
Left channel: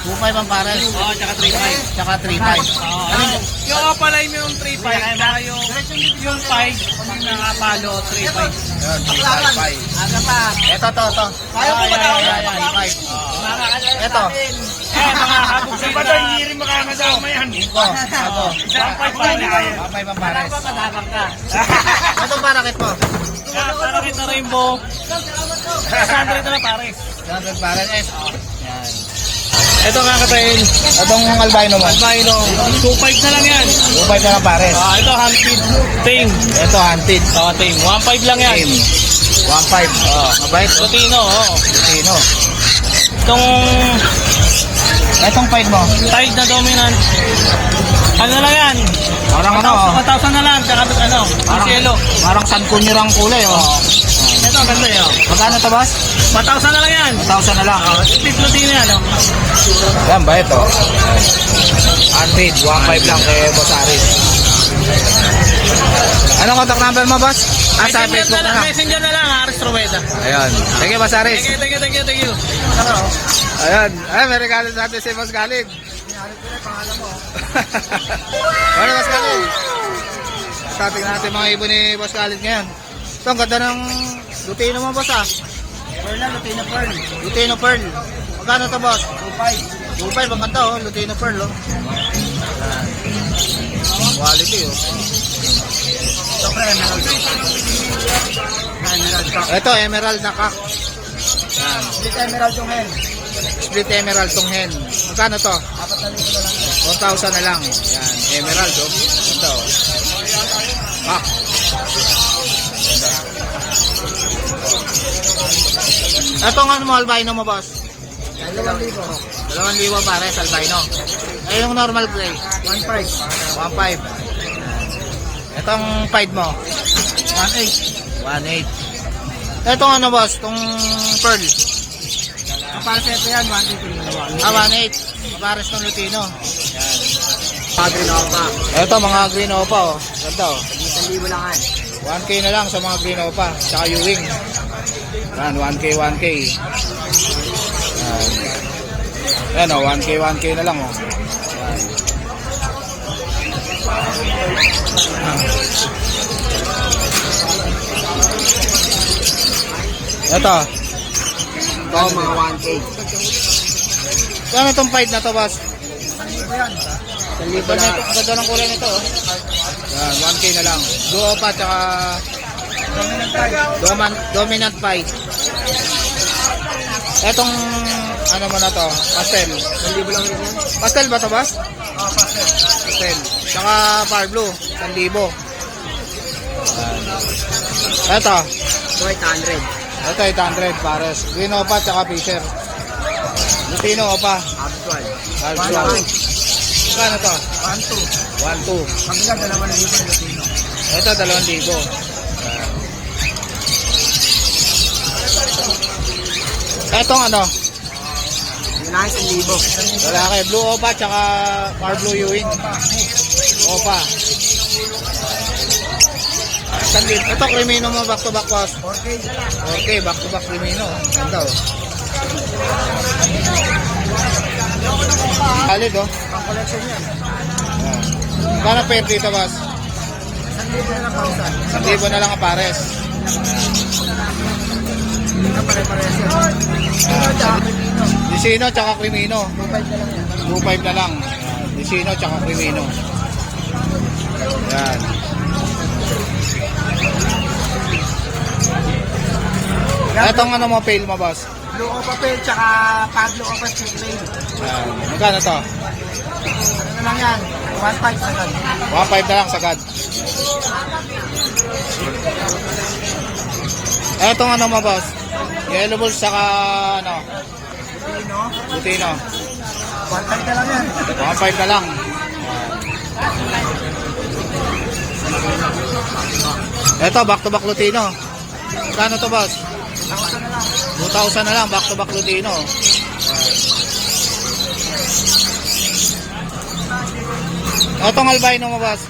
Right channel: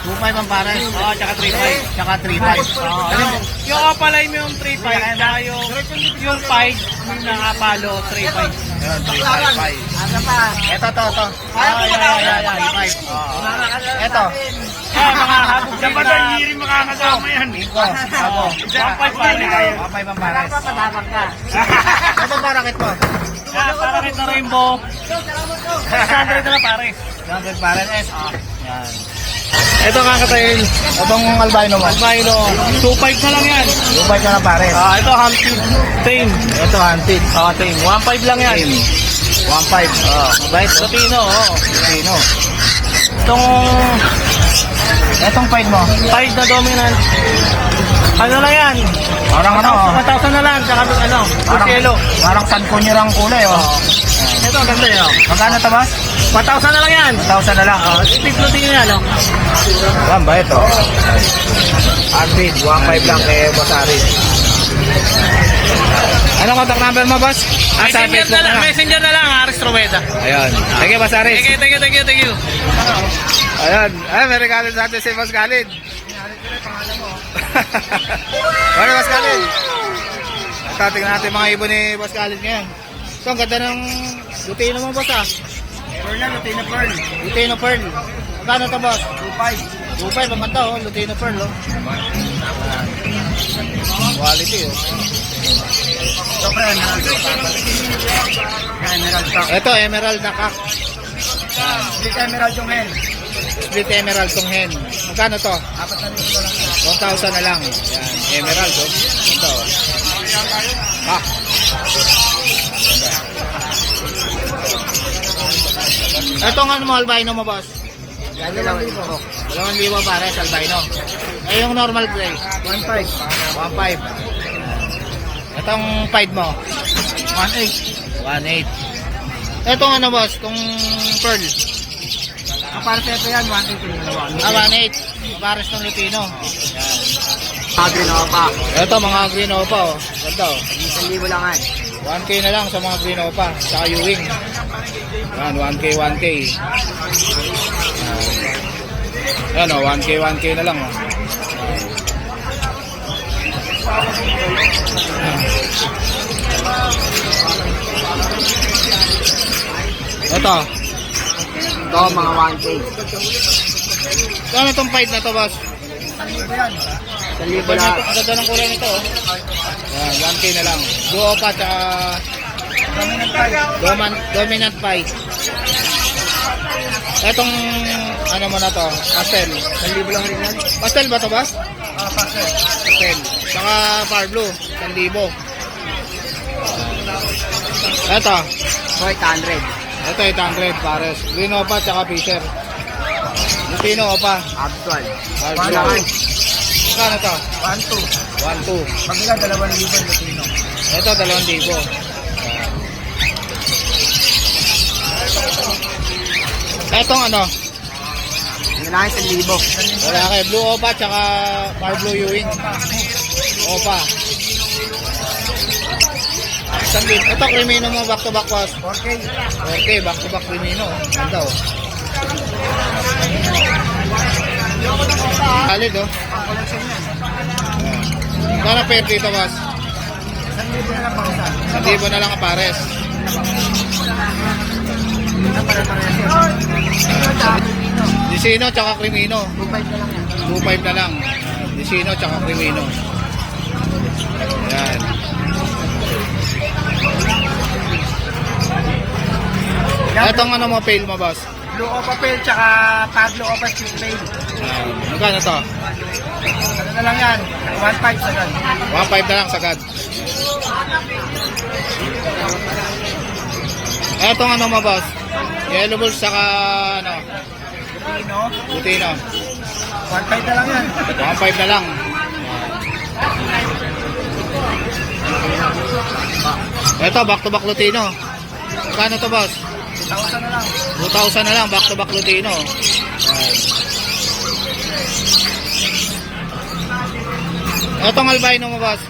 2.5 ang pares. Oo, saka 3.5. Tsaka 3.5. Ano? Yung kapalay mo yung 3.5, saka yung 5, yung nakapalo, 3.5. Ayun, 3.5. Ano pa? Ito, to. Ayaw ko ba? 3.5. Ito. Eh, mga nakabugsig na. Iko, ako. 1.5 pare. 1.5 ang pares. Matapang ka. Ito parakit mo. Para rin na rainbow. 600 na pare. 100 pares. Yan. Ito nga katayin. Itong albino mo. Albino, 2.5 na lang yan. 2.5 na lang pares. Ito hunted. Tame. Ito hunted. Tame. 1.5 lang yan. 1.5. Mabait. Lutino, oo. Sino? Itong Etong 5 mo. 5 na dominant. Ano lang yan? Parang ano, 1,000 na lang. Tsaka ano, parang, cielo. parang San Cunyurang kulay, oh. Ito, ang ganda yun. Magkano to, boss? 1,000 na lang yan. 1,000 na lang. Big Lutino yan, oh. Yan, bait, oh. Hunted, 1.5 lang kay Boss Aris. Anong contact number mo, boss? Sa Facebook na lang. Messenger na lang, Aris Rueda. Ayun. Thank you, Boss Aris. Thank you. Ayun. Ay, may regalo natin si Boss Khalid. Ano, Boss Khalid? Ito, tingnan natin mga ibon ni Boss Khalid ngayon. Ito, ang ganda ng Lutino mo, boss, ah. Pearl na, Lutino Pearl. Lutino Pearl. Magkano to, boss? 2.5. 2.5, ang ganda, oh. Lutino Pearl, oh. Ayan. Quality, oh. Ito, emerald na kak. Ayan. Big Emerald yung hen. Split emerald tong hen. Magkano to? 4,000 na lang. Yan, emerald, oh. Ganda, oh. Kak. Ganda. Ito nga mo, albino mo, boss? 2,000 pares, albino. Ay, yung normal gray? 1.5. 1.5. Itong 5 mo? 1.8. 1.8. Itong ano, boss? Itong pearl? Kapal sa ito yan, 1.8 yung dalawa. 1.8. Pares ng Lutino. Yan. Ito, mga green opa, oh. Ganda, oh. 1,000 lang ay. 1K na lang sa mga green opa. Tsaka Ewing. Yan, 1K. Yan, oh. 1K na lang, oh. Ito. Ito, mga 1K. Ano itong 5 na to, boss? Ganda ng kulay nito, oh. Yan, 1K na lang. Duo pa, tsaka dominant fight. Etong, ano mo na to? Pastel. Pastel ba to, boss? Pastel. Tsaka far blue, 1,000. Ito. 800. Ito, 800 pares. Green opa, tsaka Fisher. Lutino opa. Actual. Far blue. Magkano to? 1,200. 2. Ito, 2,000. Etong ano? Lalaki 1,000. Lalaki, blue opa, tsaka far blue Ewing. Opa. Ito, Crimino mo, back to back was. 4K, back to back Crimino. Ganda, oh. Halid, oh. Kano pair dito, boss? 1,000 na lang ang pares. Disino tsaka Crimino. 2.5 na lang. Disino tsaka Crimino. Yan. Etong ano mo, pale mo, boss? Blue Opa Pearl, tsaka Pablo Opa Street Lane. Yan. Magkano to? Ano na lang yan? 1.5 sa gan. 1.5 na lang sagad. Etong ano mo, boss? Yellow balls saka ano? Lutino. 1.5 na lang yan. 1.5 na lang. Ito, back to back Lutino. Magkano to, boss? 2,000 na lang, back to back Lutino. Etong albino mo, boss?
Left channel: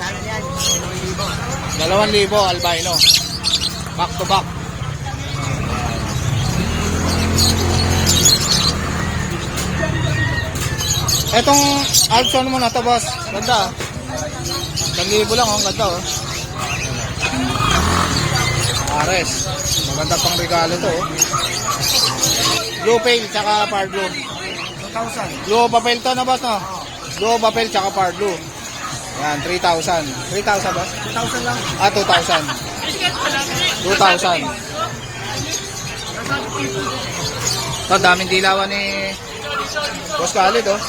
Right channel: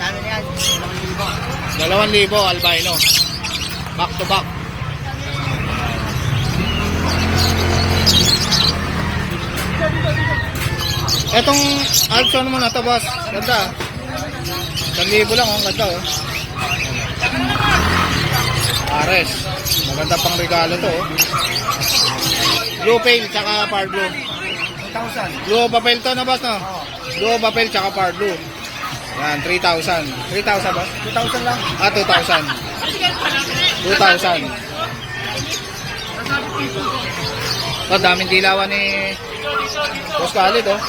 Ano yan? 2,000 albino. Back to back. Etong Alpson mo na to, boss. Ganda. 1,000 lang, oh. Ang ganda, oh. Ares. Maganda pang regalo to, oh. Blue Pale, tsaka Par Blue. Blue Papel to na, boss, no? Blue Papel, tsaka Par Blue. Yan, 3,000. 3,000, boss? 2,000 lang. 2,000. 2,000. Ito, daming dilawan ni Boss Khalid, oh.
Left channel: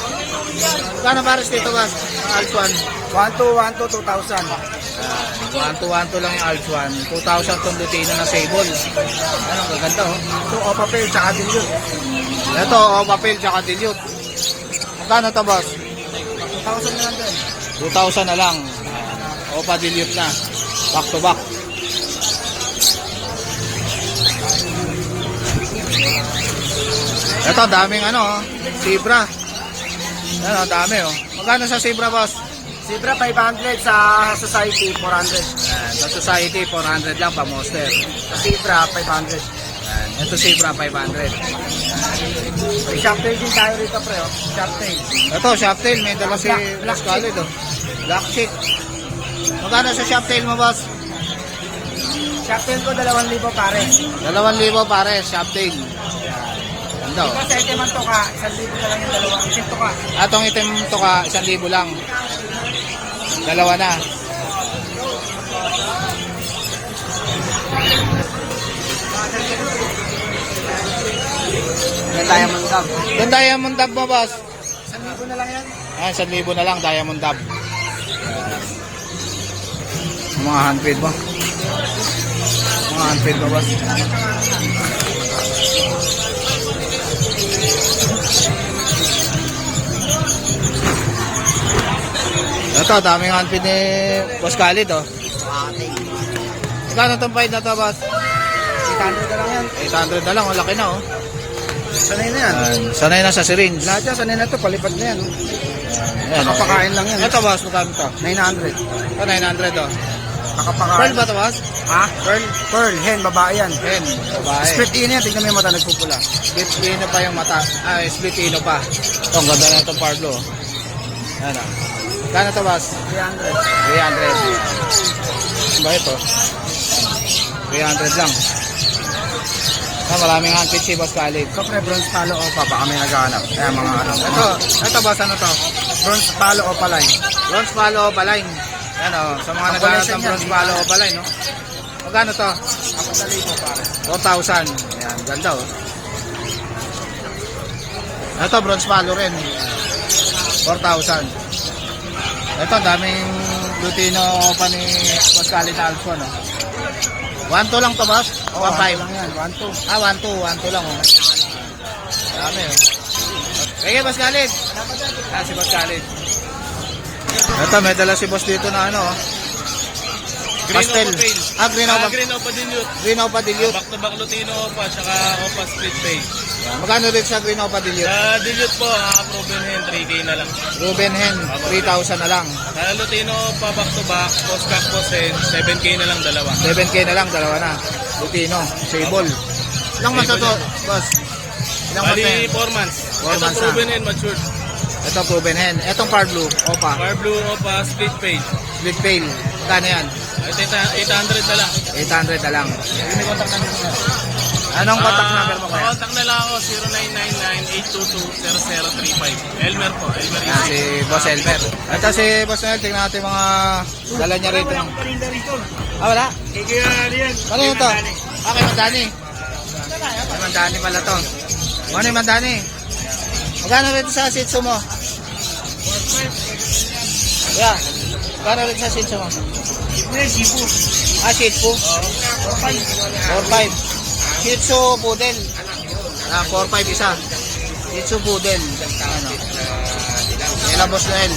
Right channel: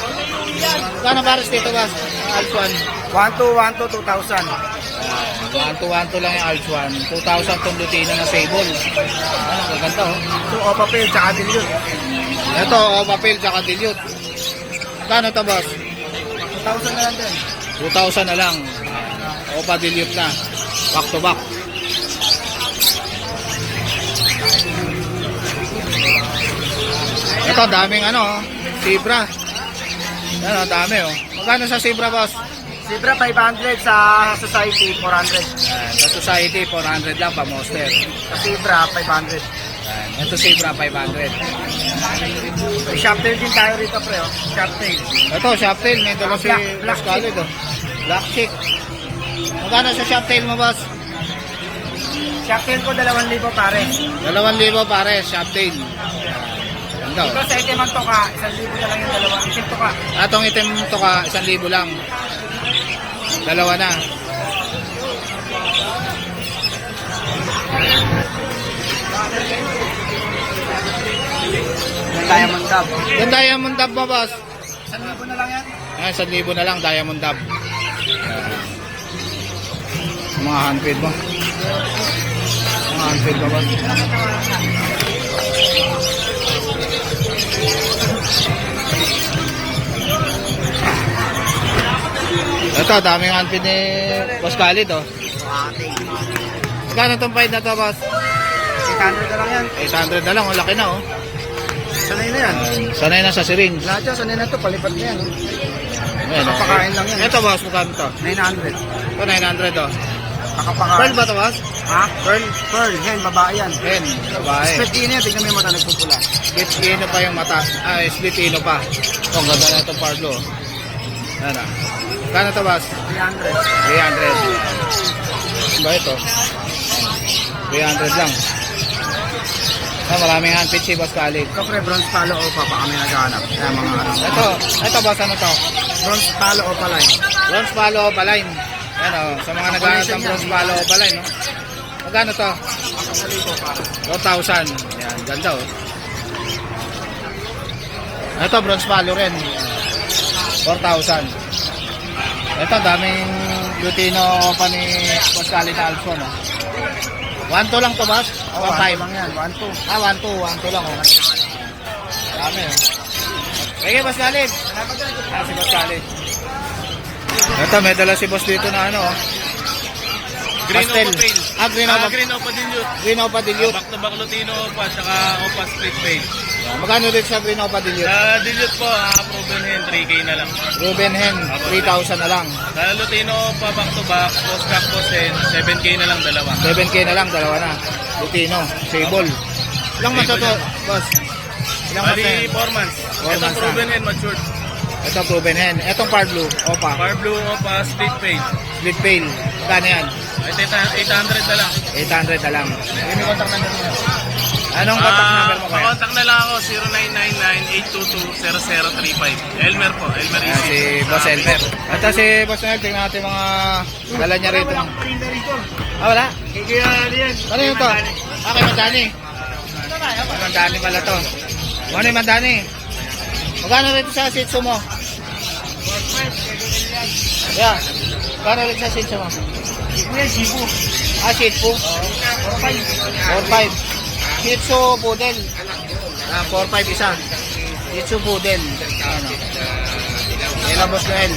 Kano pares dito, boss? Ang Alps 1. 1,200, 2,000. 1,212 lang yung Alps 1. 2,000 tong Lutino na table. Ano, gaganda, oh. Ito, Opa Pale, tsaka dilute. Ito, oh, papel, tsaka dilute. Kano to, boss? 2,000 na lang din. 2,000 na lang. Opa dilute na. Back to back. Ito, daming ano, zebra. Ano, dami, oh. Magkano sa zebra, boss? Zebra 500, sa Society 400. Yan, sa Society, 400 lang pa, monster. Sa Zebra 500. Yan, ito zebra, 500. May shoptail din tayo rito, pre. Oh. Shoptail. Ito, shoptail, may dala si Boss Khalid, oh. Black chick. Magkano sa shoptail mo, boss? Shoptail ko 2,000 pare. 2,000 pare, shoptail. Ganda, oh. Ito sa item to ka, 1,000 na lang yung dalawa. Item to ka. Atong item to ka, 1,000 lang. Dalawa na. Yung Diamond Dub. Yung Diamond Dub mo, boss? 1,000 na lang yan. Ayan, 1,000 na lang, Diamond Dub. Mga 100 ba? Mga 100 ba, boss? Ito, daming 100 ni Boss Khalid, oh. Magkano itong fight na to, boss? 800 na lang yan. 800 na lang, ang laki na, oh. Sanay na yan. Sanay na sa syringe. Lahat yan, sanay na to. Palipat na yan. Ayan, oh. Kapakain lang yan. Ito, boss, magkano to? 900. Ito, 900, oh. Kapakain. Pearl ba to, boss? Ha? Pearl? Pearl, hen, babae yan. Hen, babae. Split in yan, tignan mo yung mata nagpupula. Split ino pa yung mata. Ah, split ino pa. Ito, ang ganda na itong Pablo. Ayan, ah. Kano to, boss? 300. 300. Ba ito? 300 lang. Ah, maraming handpit si Boss Khalid. Ito pre, bronze palo o pa, baka may naghahanap. Ayan, mga Ito, boss, ano to? bronze palo o pa line. Bronze Palo Opaline. Ayan, oh. Sa mga naghahanap ng Bronze Palo Opaline, no? Magkano to? 4,000. Ayan, ganda, oh. Ito, Bronze Palo rin. 4,000. Ito, daming Lutino pa ni Boss Khalid Alpso, no? 1,2 lang to, boss? 1,5 lang yan, 1-2. Ah, 1,2 lang, oh. Dami, oh. Sige, Boss Khalid. Ah, si Boss Khalid. Ito, may dala si Boss dito na ano, oh. Pastel. Ah, Green Opa. Green Opa Dilute. Green Opa Dilute. Back to back Lutino Opa, tsaka Opa Split Page. Yan. Magkano rin sa Green Opa Dilute? Sa Dilute po, proven hen, 3K na lang. Ruben Hen, 3,000 na lang. Sa Lutino Opa, back to back, post back post hen, 7K na lang dalawa. 7K na lang, dalawa na. Lutino, sable. Ilang months na to, boss? Ilang months na yan? 4 months. 4 months na. Proven hen, matured. Ito, Proven Hen. Itong Par Blue, Opa. Bar Blue Opa, Split Page. Split Pale. Magkano yan? Ito, 800 na lang. 800 na lang. Contact number mo. Anong contact number mo kaya? Contact na lang ako, 0999-822-0035. Elmer po, Elmer. Ayan, si Boss Elmer. Ito si Boss Elmer, tingnan natin mga dala niya rito. Ah, wala? Ano yun to? Ah, kay Mandani. Kay Mandani pala to. Ano yung Mandani? Magkano rito sa Shih Tzu mo? Yeah. Magkano rito sa Shih Tzu mo? Ah, Shih Tzu? 4,500. Shih Tzu Poodle. Ah, 4,500 isa. Shih Tzu Poodle. Ano? Yan ang Boss Noel.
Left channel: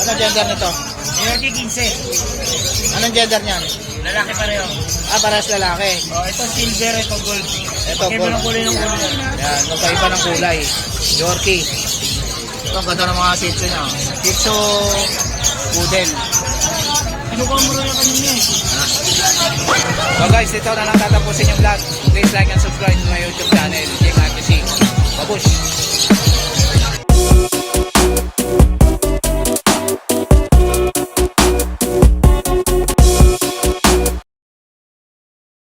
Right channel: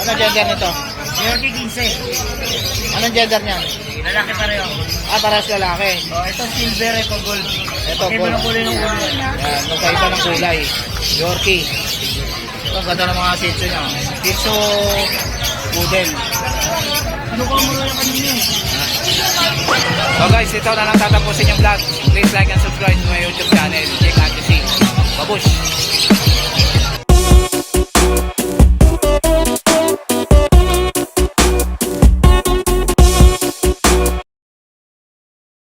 Ano gender nito? Yorkie 15. Anong gender niyan? Lalaki pareho. Parehas lalaki. Oh, ito silver, ito gold. Ito, Iba gold. ng kulay ng ulo yan. Yan, magkaiba ng kulay. Yorkie. Ito, ang ganda ng mga Shih Tzu niya. Shih Tzu Poodle. Ano ka mo na kanina? So guys, ito na lang tatapusin yung vlog. Please like and subscribe to my YouTube channel. Check out to see. Babush!